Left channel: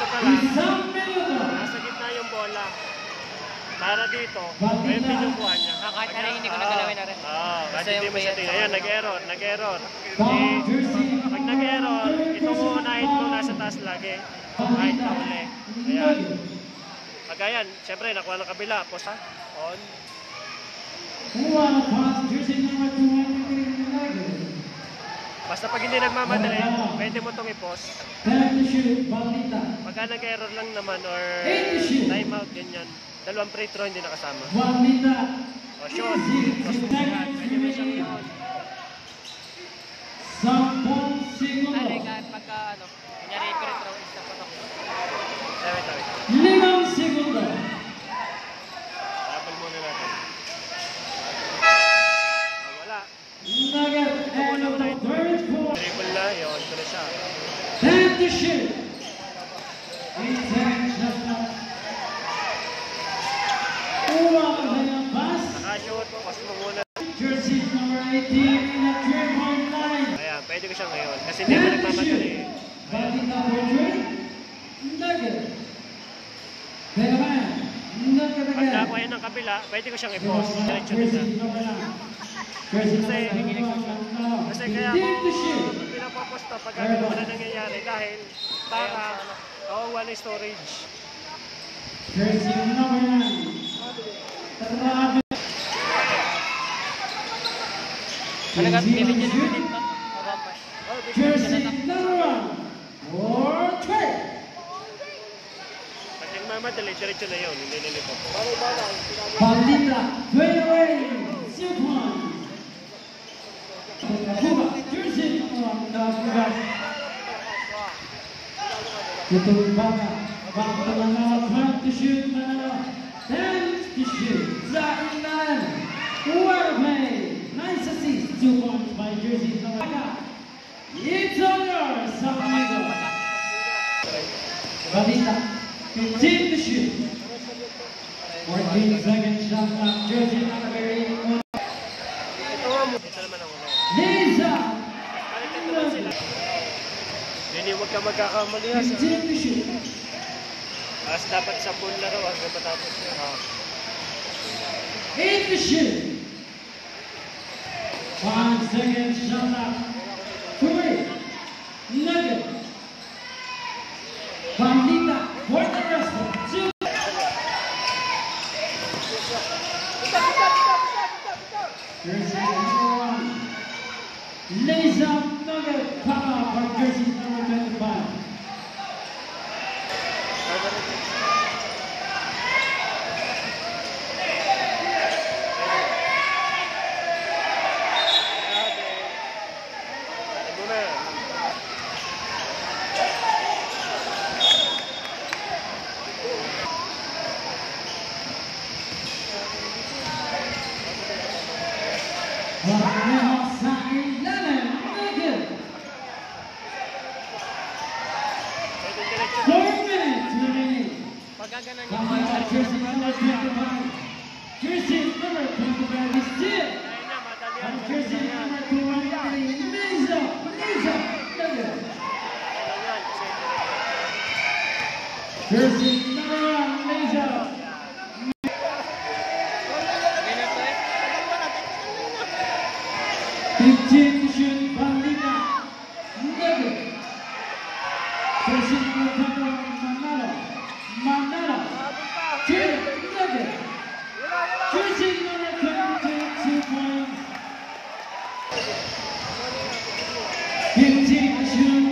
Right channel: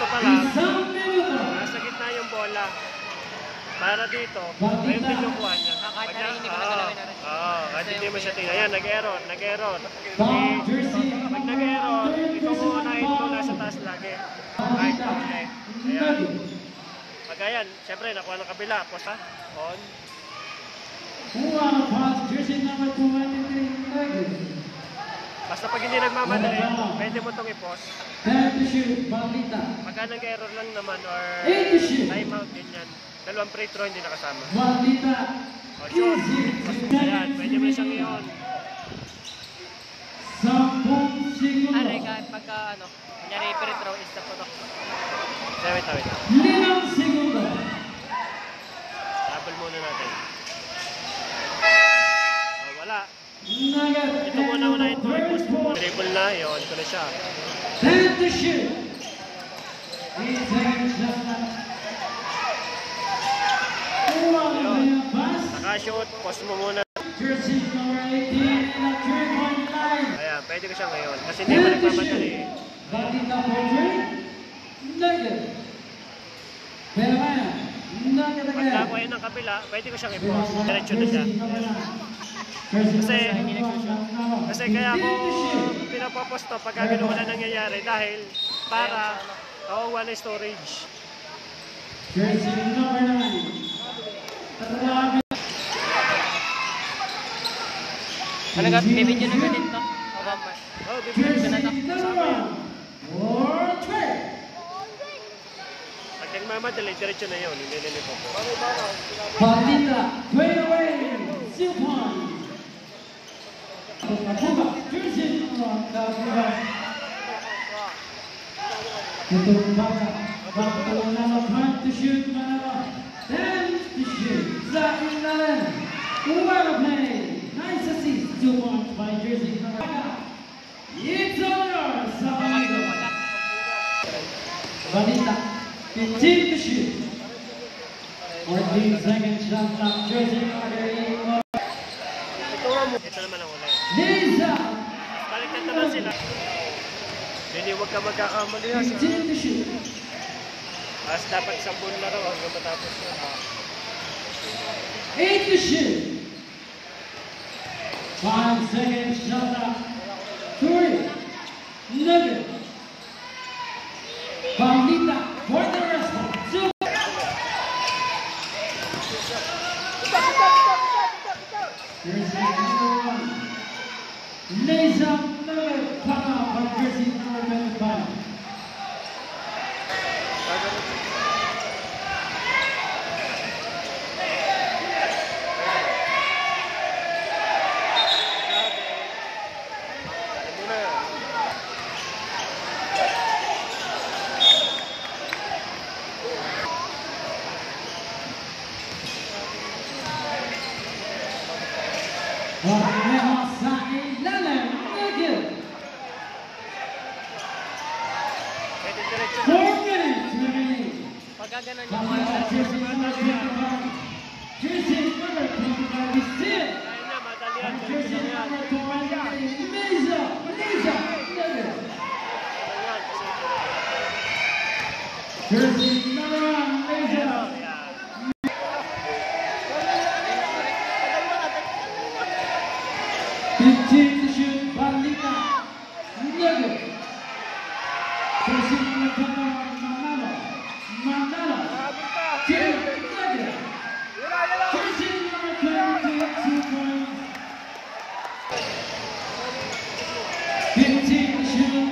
dito pala, nasa gitna yung bola. Para dito, ayun din yung kuha niya. Kahit narinig mo na galawin na rin. Kahit hindi mo siya tingnan. Ayan, nag-error. Pag nag-error, itong unahin mo nasa taas lagi. Kahit na uli. Ayan. Pag ayan, siyempre, nakuha ng kabila. Post ha? On. Basta pag hindi nagmamadali, pwede mo itong i-post. Pagka nag-error lang naman or time out, ganyan. Dalawang free throw hindi nakasama. O shot. Ayan, pwede mo siyang yun. Ano kahit pagka ano, kanyari free throw, stop na to. Wait. Double muna natin. Wala. Ito muna ito. Dribble na, yun. Ito na siya. Nakashoot, post mo muna. Ayan, pwede ko siya ngayon. Kasi hindi mo nagmamadali eh. Pag nakuha ng kabila, pwede ko siyang i-post. Diretso na siya. Kasi kaya ako pinapopost to pag ganun na nangyayari dahil para wala storage. Talaga, bibigyan na dito. At yung mamadali, diretso na yun. Hindi nilipo po. Pandita, 21, Silpon. Jersey number 1, Ito baka Manala, time to shoot, Manala, 10 to shoot, Zachary Nalan, what a play, nice assist, 2 points by Jersey number 1. It's over, Sabaito. Pandita, 15 to shoot. 14 seconds shot clock, Jersey number 8. Ito nga mo. Ito naman ang ulay. Lisa! Balikan naman sila. Hindi, huwag ka magkakamali ha. As dapat 10 laro hanggang matapos yun. 8 to shoot. 5 seconds shot clock. 3. Nugget. Pandita for the rest of 2. Jersey number 1. Lisa Nugget. Come out from jersey number 25. Orneha sa ilalim, Nugget. 4 minutes remaining. Pagka ganun yung Come out, jersey number 25. Jersey number 25 is still. And jersey number 23, Lisa Nugget. Jersey number 1, Lisa. 15 to shoot, Pandita, Nugget. Jersey number 21, Manalo, Nugget. Jersey number 22, 2 points. 15 to shoot,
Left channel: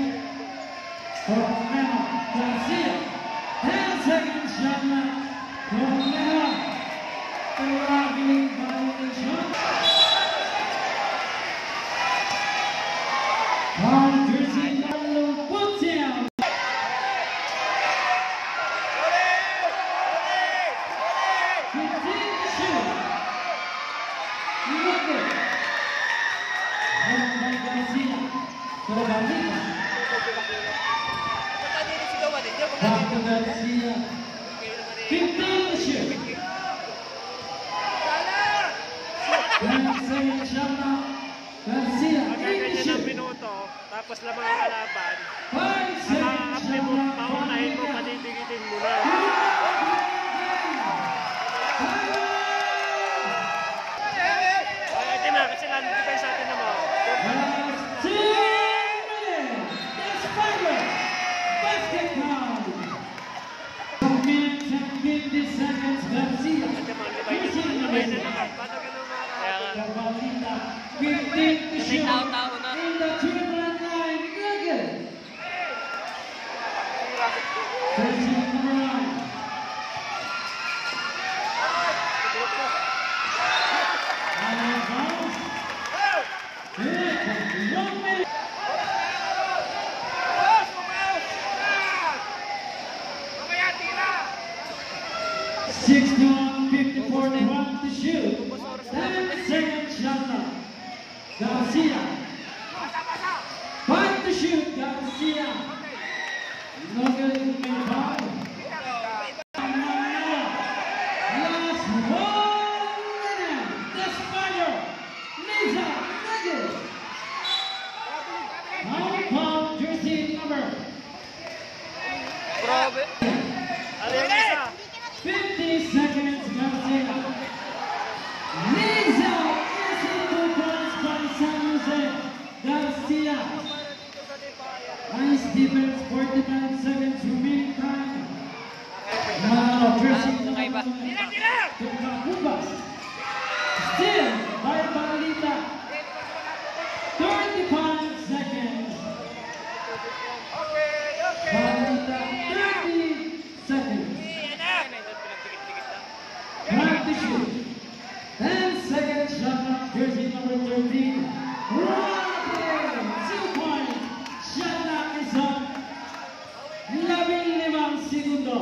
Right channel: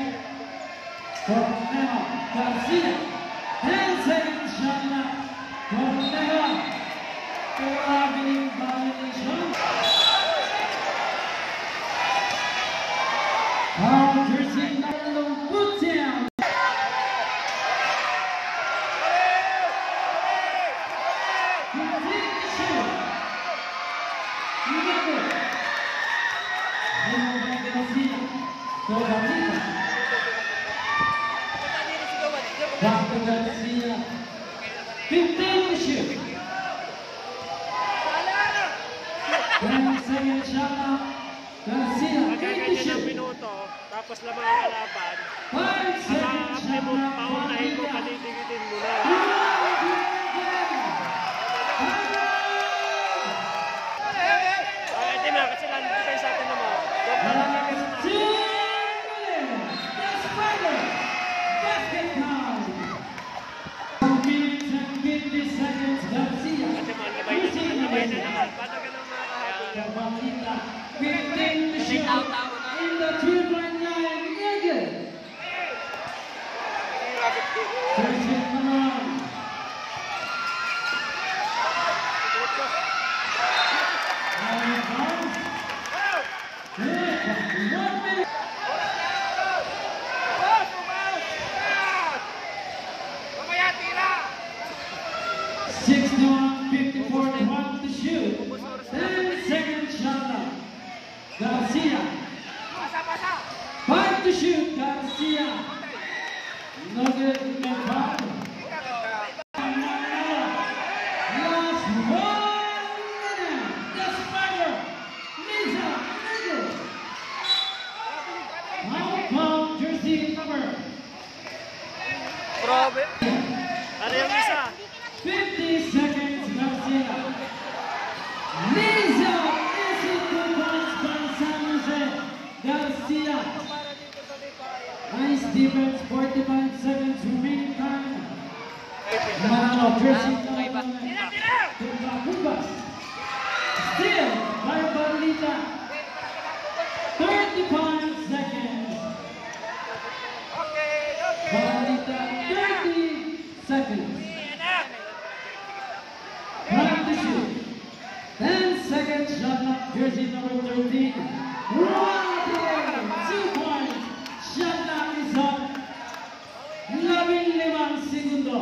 Cornell Garcia. 10 seconds shot clock, Cornell. Arriving violation. Jersey number 1, put down. 15 to shoot. Nugget. Home by Garcia. To Bandita. Back to Garcia. 15 to shoot. 10 seconds shot clock. Garcia. Pagka ganyan ang minuto, tapos lamang ang kalaban, ang makakapli mo, paunahin mo, panidigitin mo na. Ay, ito na, kasi lang dito sa atin naman. Basket count. 50 seconds, Garcia. Sabay na naman, paano ganun makakahabol? Cabalita, 15 to shoot. In the 2.9 Nugget. First hit number 1. And it bounce. Here, 1 minute. 61, 54, 12 to shoot. 10 seconds shot clock. Garcia. 5 to shoot, Garcia. Nugget and foul. Manila. Last 1 minute. The Spider. Lisa Nugget. Outbound jersey number. Probe. Ano yung isa? 50 seconds, Garcia. Lisa, easy 2 points by San Jose. Garcia. Nice defense, 45 seconds remaining time. Manalo, jersey number 1. Kubas. Still by Pablita. 35 seconds. Pablita, 30 seconds. 5 to shoot. 10 seconds shot clock, jersey number 13. 2 points. Shot clock is up. 15 segundo.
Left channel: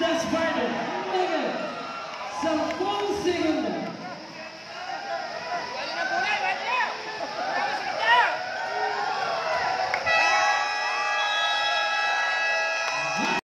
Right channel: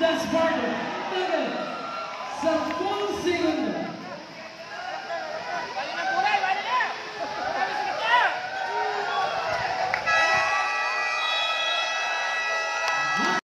The Spider Nugget. Sa